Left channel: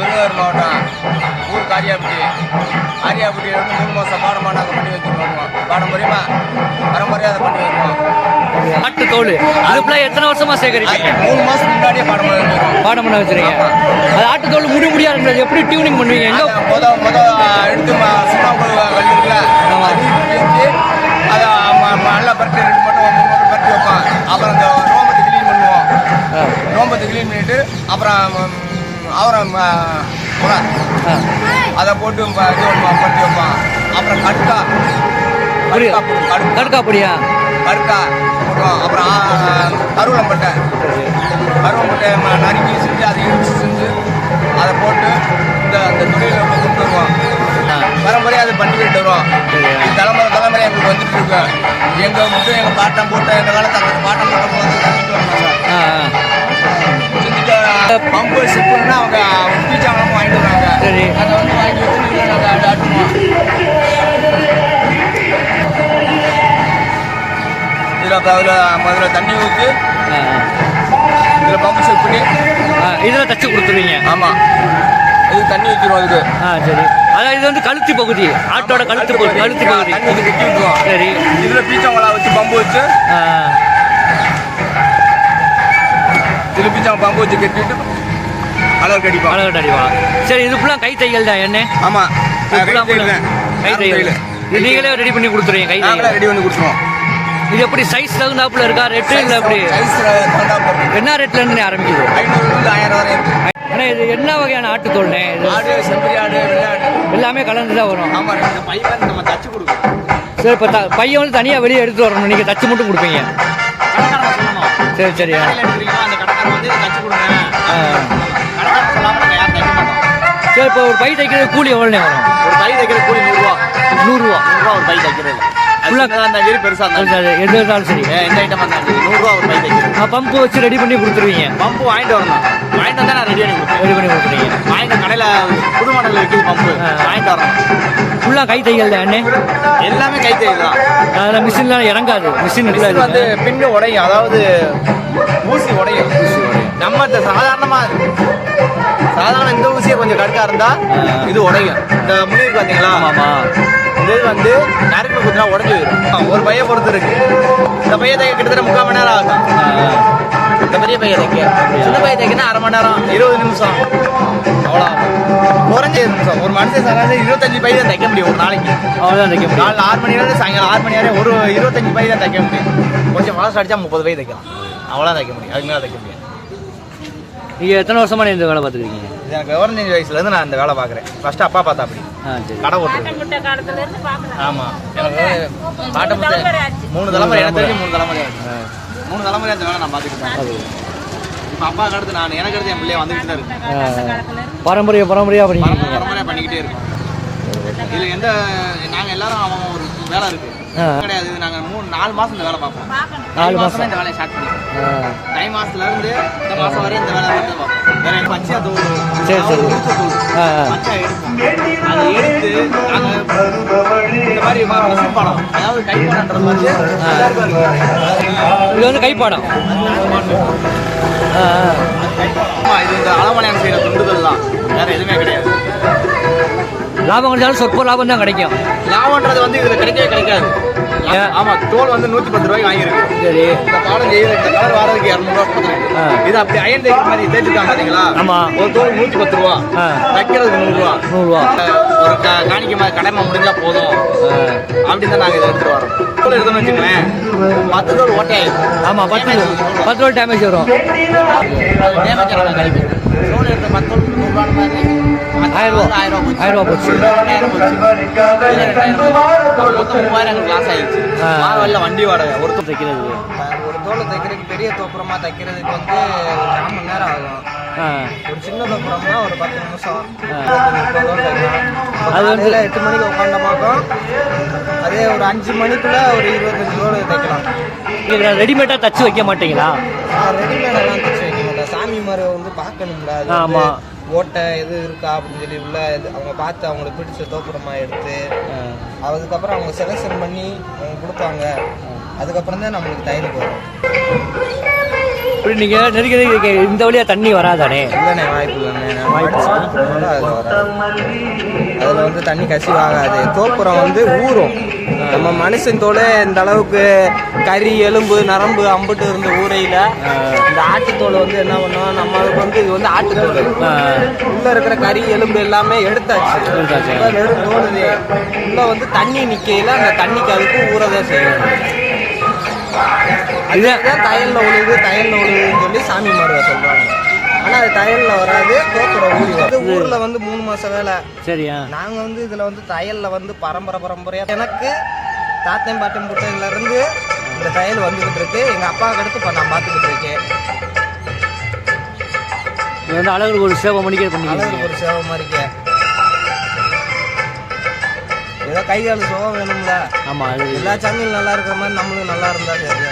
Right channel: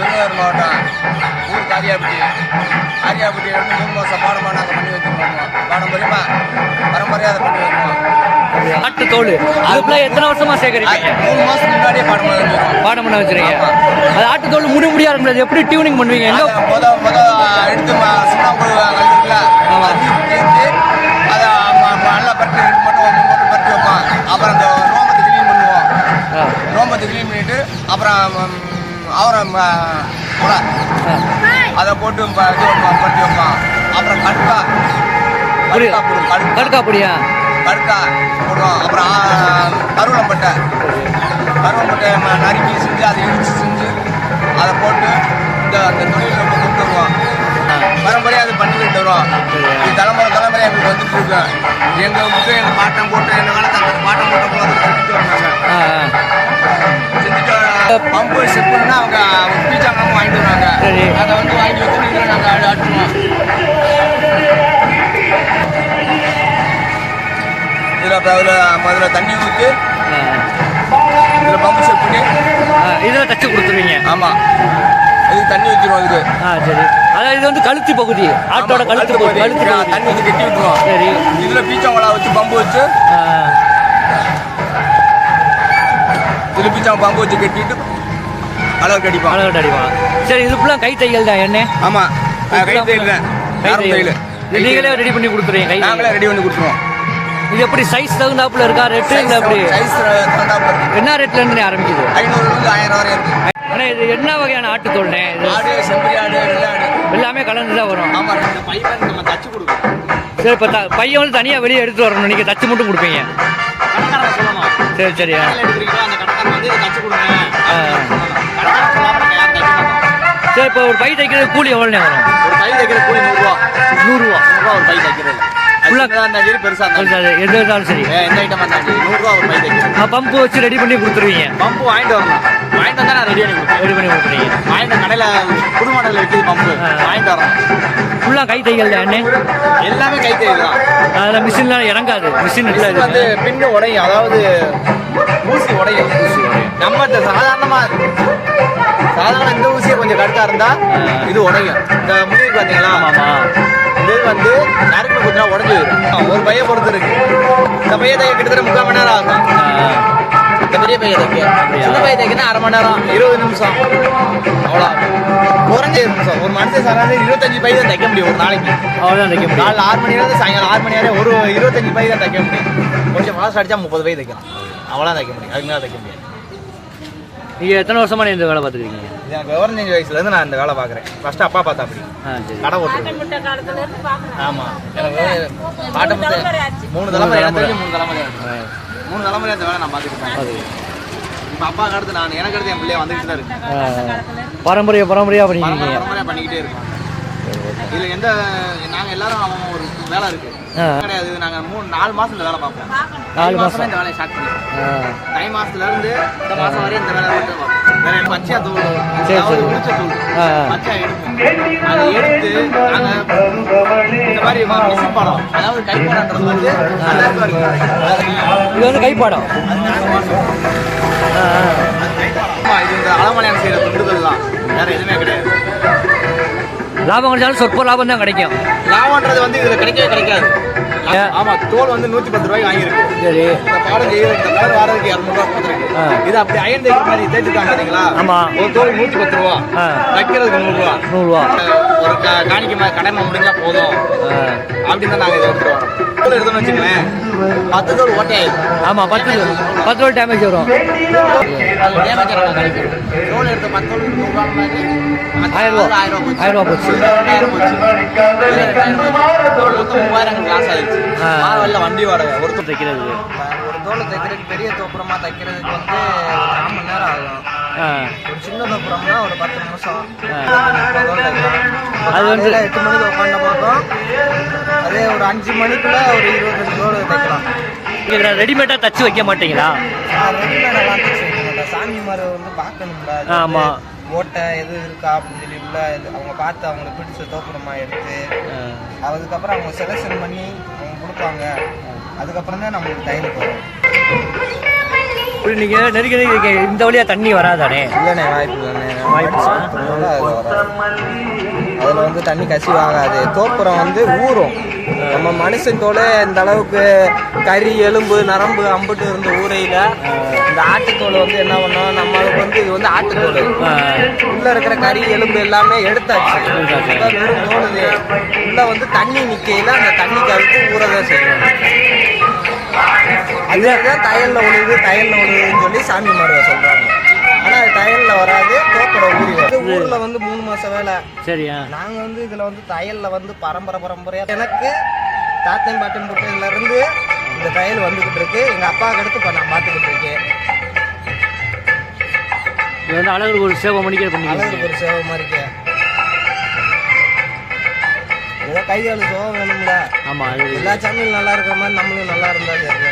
விருதுநகர் மாவட்டம். ஊர் காரியாப்பட்டி காரியாப்பட்டி வந்து மூணு மாதம் பாடமாக நாங்கள் பண்ணி வச்சுருக்கோம். பாரம்பரியமா பரம்பரையாக அதை பண்ணி வருவோம் ஆட்டு தோல். இதுக்குள்ள எத்தனை வருஷமா சேகரிப்பீங்க? மூணு மாதத்துக்கு முன்னாடியே பாடம் வந்துருவோம் பாடம் பண்ண வச்சிருக்கீங்க. அது ஆட்டு தோல் முடி முடியா இருக்கிறது எப்படி டியூனிங் பண்ணுவீங்க? முத முத எடுத்து சுண்ணாம்பு கல் இருக்குல்ல ஆமா. அது நல்லா பருத்தி ரெண்டு மட்டும் மூணு மட்டும் பருத்தி வைப்போம். அப்புறம் அந்த ரோமத்தை க்ளீன் பண்ணுவோம். ரோமத்தை க்ளீன் பண்ணிட்டு அப்புறம் அவரம் ஆ. அதை போட்டு இது பண்ணுவோம் பருத்தி வைப்போம் அப்புறம் கடுக்கா. புரியுது. கடுக்கா பொடியா? கடுக்கா போடுவோம் அப்புறம் கருவலம்பட்டை கருவம்பட்டை நறுக்கி செஞ்சு அதை இடிச்சு செஞ்சு அதை போட்டு இந்த அந்த தொழிலை நம்ம கொண்டு வருவோம். பரம்பரையாக அதை பண்ணிக்கிட்டு வருவோம் தலைமுறை தலைமுறையாக இப்படி வந்துட்டு இருக்கோம் எங்கள் மட்டும் எங்கள் பாட்டம் போட்ட எங்கள் அந்த பாட்டம் போட்ட போல கட்டிட்டு வந்தாங்க பம்பு செப்புன்னா அவங்க பீச்சாங்கலாம் வாங்கிட்டு வருவாங்க. சரி. அதை வந்து வாங்கி வச்சு நீங்கள் நாங்கள் ஆட்டுவோம் இதில் இப்போ அதில் முதல்ல தண்ணி ஊற்றி. இதில் பம்பு செட் பண்ணி இதுல தச்சு கொடுத்துருவீங்க. ஆமாம் இது தண்ணி ஊற்றிடுவோம் அதுக்கு ஆ சரி. அதான் இது வந்து கழுத்து பகுதி. ஆட்டோட கழுத்து பகுதி கழுத்து பகுதி. தண்ணி ஊற்றி கட்டி விட்டுருவோம். சரி. இதில் பீச்சாங்கலா வச்சு பம்பு வச்சு பீச்சாங்க பம்பு வச்சு கட்டிவிட்டு அளவுக்கு அடிப்போம் அழகட்ட அடிவா சரி இது ஃபுல்லாக கை தையல் தான் என்ன? ஆமாம் கை தையல் நீங்களே ரெடி பண்ணி கொடுத்துருவீங்க கை தையல். ரெடி பண்ணி கொடுத்துருவோம். இது எப்படி சைஸ் தகுந்தாப்புல இருக்கா ரேட்டு இல்லை இருக்கு. என்ன ரேட்ல இருந்து ஆரம்பிக்குது? ஐநூறுலேருந்து ஆயிரம் வரை இருக்கு. அண்ணா இது என்ன வகையான ஆட்டு தோல்னே ஆடு செம்பரி ஆடு வெள்ளை ஆடு. எல்லாமே கலந்து தான் வரும். ஆமாம் ரெண்டு பைப்பர் நம்ம தச்சு கொடுக்கணும். சரி இப்போ பையன் வந்து தனியாக வெளியே எடுத்து வரணும். நீங்கள் தச்சு மட்டும் கொடுப்பீங்க. சரி சரி கடைக்காரன் வந்து தச்சு கொடுங்க. கடைக்காரன் நாங்கள் யாரும் தைக்க மாட்டோம். சரி இப்போ ஒரு பை தைக்கிறது கூலி எவ்வளோண்ணே வரும்? ஒரு பை தைக்கிற கூலி நூறுரூவா? நூறுரூவா நூறுரூவா ஒரு பை தைக்கிறது. சின்னதா இருந்தாலும் சரி பெருசாக இருந்தாலும் சரி. எது இருந்தாலும் சரி. சரி. எந்த ஐட்டமாக இருந்தாலும் சரி. நூறுரூவா ஒரு பை தைக்கிறது. பம்பு வச்சு ரெடி பண்ணி கொடுத்துருவீங்க. பம்பு வாங்கிட்டு வரணும். வாங்கிட்டு வந்தால் நான் ரெடி பண்ணி ரெடி பண்ணி கொடுத்துருவீங்க வாங்கிட்டு கடையில் புது மாடலில் விற்கிது பம்பு. வாங்கிட்டு வரணும் ஃபுல்லாக கை தையல் தான் எல்லாமே கை தையல் தான். அதில் மிஷின்லாம் இறங்காது. மிஷின் இல்லை வந்து பின்னு உடையும். அதாவது ஊசி உடையும். ஊசி உடையும். நம்ம இந்த சாதாரணமா சாதாரண இந்த ஊசியை கொஞ்சம் கடுக்கா இருந்தா ஆ. இது உடையும். இந்த முடி இருக்கு பாத்தீங்களா? ஆமாம்மா. இது வந்து நறுக்கு குத்துனா உடஞ்சு ஒரு பைய பொறுத்து இருக்கு. இந்த பைய தைக்க கிட்டத்தட்ட முக்கால் மணி நேரம் ஆகும். இந்த பெரிய பைய தைக்க அப்படியா? சின்ன பைய தைக்கணும் அரை மணி நேரம் இருபது நிமிஷம். அவ்வளோ குறைஞ்ச நிமிஷம். ஒரு மனுஷன் சராசரி இருபத்தஞ்சு பை தான் தைக்க முடியும் ஒரு நாளைக்கு. அவ்வளோதான் தைக்க முடியும். காலைல ஆறு மணி நேரம் சாயங்காலம் ஆறு மணி நேரம் ஒரு இருபத்தஞ்சு பை தான் தைக்க முடியும். கொஞ்சம் மாதம் அடிச்சா முப்பது பை தைக்கலாம் அவ்வளோ தைக்க முடியும். அதுக்கு மேலே தைக்க முடியும் நீங்கள் எத்தனை வருஷமா இந்த வேலை பார்த்துருக்கீங்க எனக்கு விவரஞ்சு வயசுலேருந்து நான் இந்த வேலை பார்க்குறேன். ஃபர்ஸ்ட் அப்பா பார்த்தா அப்படி. கடை ஓட்டுறது. ஆமாம் எனக்கு பாட்டை மூணு தலைமுறை எனக்கு தெரிஞ்சு மூணு தலைமுறை மூணு தலைமுறை அந்த வேலை நான் பார்த்துக்கிட்டேன் அது இப்போ அப்பா அடுத்து நான் எனக்கு அடுத்து என் பிள்ளைய வந்துக்கிட்டு தான் இருக்கு. பாரம்பரிய பாரம்பரியாக பண்ணிக்கிறீங்க பரம்பரையாக பண்ணிக்கிட்டே இருக்கோம். இதில் எந்த நாங்கள் எல்லாரும் அவன் ஒரு வேலை இருக்கு. ஆ. கிடையாது. நாங்கள் மூணு நாலு மாதம் இந்த வேலை பார்ப்போம். நாலு தை மாசம். இந்த வேலையை ஸ்டார்ட் பண்ணிடுவோம். தை மாசத்துல இருந்து இந்த மாசம் வரை இந்த வேலை வந்து பார்ப்போம். வேற எனக்கு பச்சையா தூள் சரி, ஆ, ஆ. பச்சையா எடுப்போம். அதை எடுத்து நாங்க இந்த மாதிரி மிஷின் படம் அதாவது கைப்படன்றது வந்து. இது வந்து கைப்பாடம். ஆ, ஆ. ஆமா, இது இந்த அலமலையான் செய்யற துண்டுதல் தான் வேற எதுவுமே கிடையாது. லாபம் கிடைச்சாலும் சொற்ப லாபம் தான் கிடைக்கும். லாபம்ன்றது வந்து இதுல கிடைக்கவே கிடைக்காது? ஆமா தோல் வந்து நூத்தி பத்து ரூபாய்க்கு வாங்கியிருக்கு. சரி. இந்த பாடம் செய்யற இந்த கலர் வாரதுக்கு இரநூறுவா கொடுத்துருக்கு. இது அப்படி அயன் தேய்க்கிற மாதிரி தேய்ச்சிருக்காங்க பாத்தீங்களா? ஆமா. ஒரு தோல் நூத்தி பத்து ரூபா. தைக்கிறதுக்கு நூறுரூவா நூறுரூவா ஒரு க- காணிக்கை மாதிரி கடமை முடிஞ்சா போதும். அப்படின்னு தான் நாங்கள் இதை எடுத்துட்டு வரோம். தோல் எடுத்தோம்னு வச்சுக்கலேன் பத்து தோல் ஓட்டையாயிடும் ஆமாம் பத்து பத்து ரூபா டேமேஜ் வரும். அது டேமேஜ் நாங்கள் கழிக்கிறோம் தோல் எடுத்த பத்து தோல் நூறுரூவா மாதிரி ஆயிரம் ரூபா. ஆயிரம் ரூபா ஆயிரம் ரூபா போச்சு. ரெண்டாயிரம் போச்சு. ரெண்டாயிரம் போச்சு. மொத்தம் மூவாயிரம் லாஸ் ஆயிடுச்சு. மாவல்ல வண்டி வாடகை ஒரு தோல் தைக்கிறது. ஒரு தோலை தைக்கிறதுக்கு பெரிய தோப்புறமா தைக்கிறதுக்கு வந்து ஒரு கால் மணி நேரம் ஆகும். ஒரு சின்ன தோப்புறம்னா ஒரு பத்து நிமிஷம். தோல் அது வந்து எட்டு மணிக்கு உட்காந்த பக்கம் அதே ஒரு அஞ்சு மணிக்குள்ள ஒரு இருபத்தஞ்சு தோல் தைக்கலாம். இதில் ரெடிமேடாக தச்சு வைக்க மாட்டீங்களா? ரெடிமேடெல்லாம் தைச்சு வைக்க மாட்டோம் சாமி மாதிரி வந்து பார்க்கணும்ல. அது வந்து ஆமா. ஓட்டை எது இருக்கா அப்படின்னு சொல்லி உள்ள அவங்க பார்த்து அவங்களுக்கு பிடிச்ச தோப்புறமா எடுத்து. அதுக்கப்புறம் அவங்க செலெக்ஷன் பண்ணி அவங்க கொடுப்பாங்க. அதுக்கப்புறம் தான் நம்மளுக்கு தையலுக்கு வரும் இப்படி நீங்க நெருக்கி நெருக்கி இந்த வழியா தண்ணி வராதானே? இல்லைண்ணே வாய்ப்பு இல்லைண்ணே. வாய்ப்பு வராது. வந்து தண்ணி கசிவாகாது. தோப்புறம் வந்து ஊறும். நம்ம மனுஷன் தோல் இந்த அளவுக்கு கறி எலும்பு நரம்பு அம்புட்டு இருந்த ஊரையில் இந்த ஆட்டுத்தோல் வந்து என்ன பண்ணோம்? நம்மளுக்கு வந்து இது வந்து ஆட்டுத்தோல். உள்ள இருக்கிற கறி எலும்பு எல்லாமே எடுத்தாச்சு. வெறும் தோணுது. உள்ள வந்து தண்ணி நிக்கையில அந்த தண்ணிக்கு அதுக்கு ஊறதான் செய்யணும். அதுதான் தையல்ல உழுது தையல்ல உழுதுன்னு சொல்லி சாமி மாடுவ சொல்றாங்க. ஆனா அது தையல்ல வராது. ஊர்ல வந்து. மூணு மாசம் வேலை. சரியா? நாங்க வந்து இதுல வந்து தையல்ல வந்து பரம்பரை பரம்பரையா. எனக்கு தாத்தன் பாட்டன் புட்டதுல இருந்து இந்த தையல் வந்துகிட்டு இருக்கு. எங்க அப்பாவுக்கு அடுத்து இப்ப நான் பாத்துக்கிட்டு இருக்கேன். இது வந்து அழகு ஒரு சேவை மணிக்கே அழகு பண்ணிக்கிறீங்க ஒரு சேவை மாதிரிக்க ஏதோ கை கால் சோகம் வேணும்ல. ஆமா எல்லா சாமியும் நல்லா இருக்கிற மாதிரி நம்மளும் நல்லா இருந்தா சரி.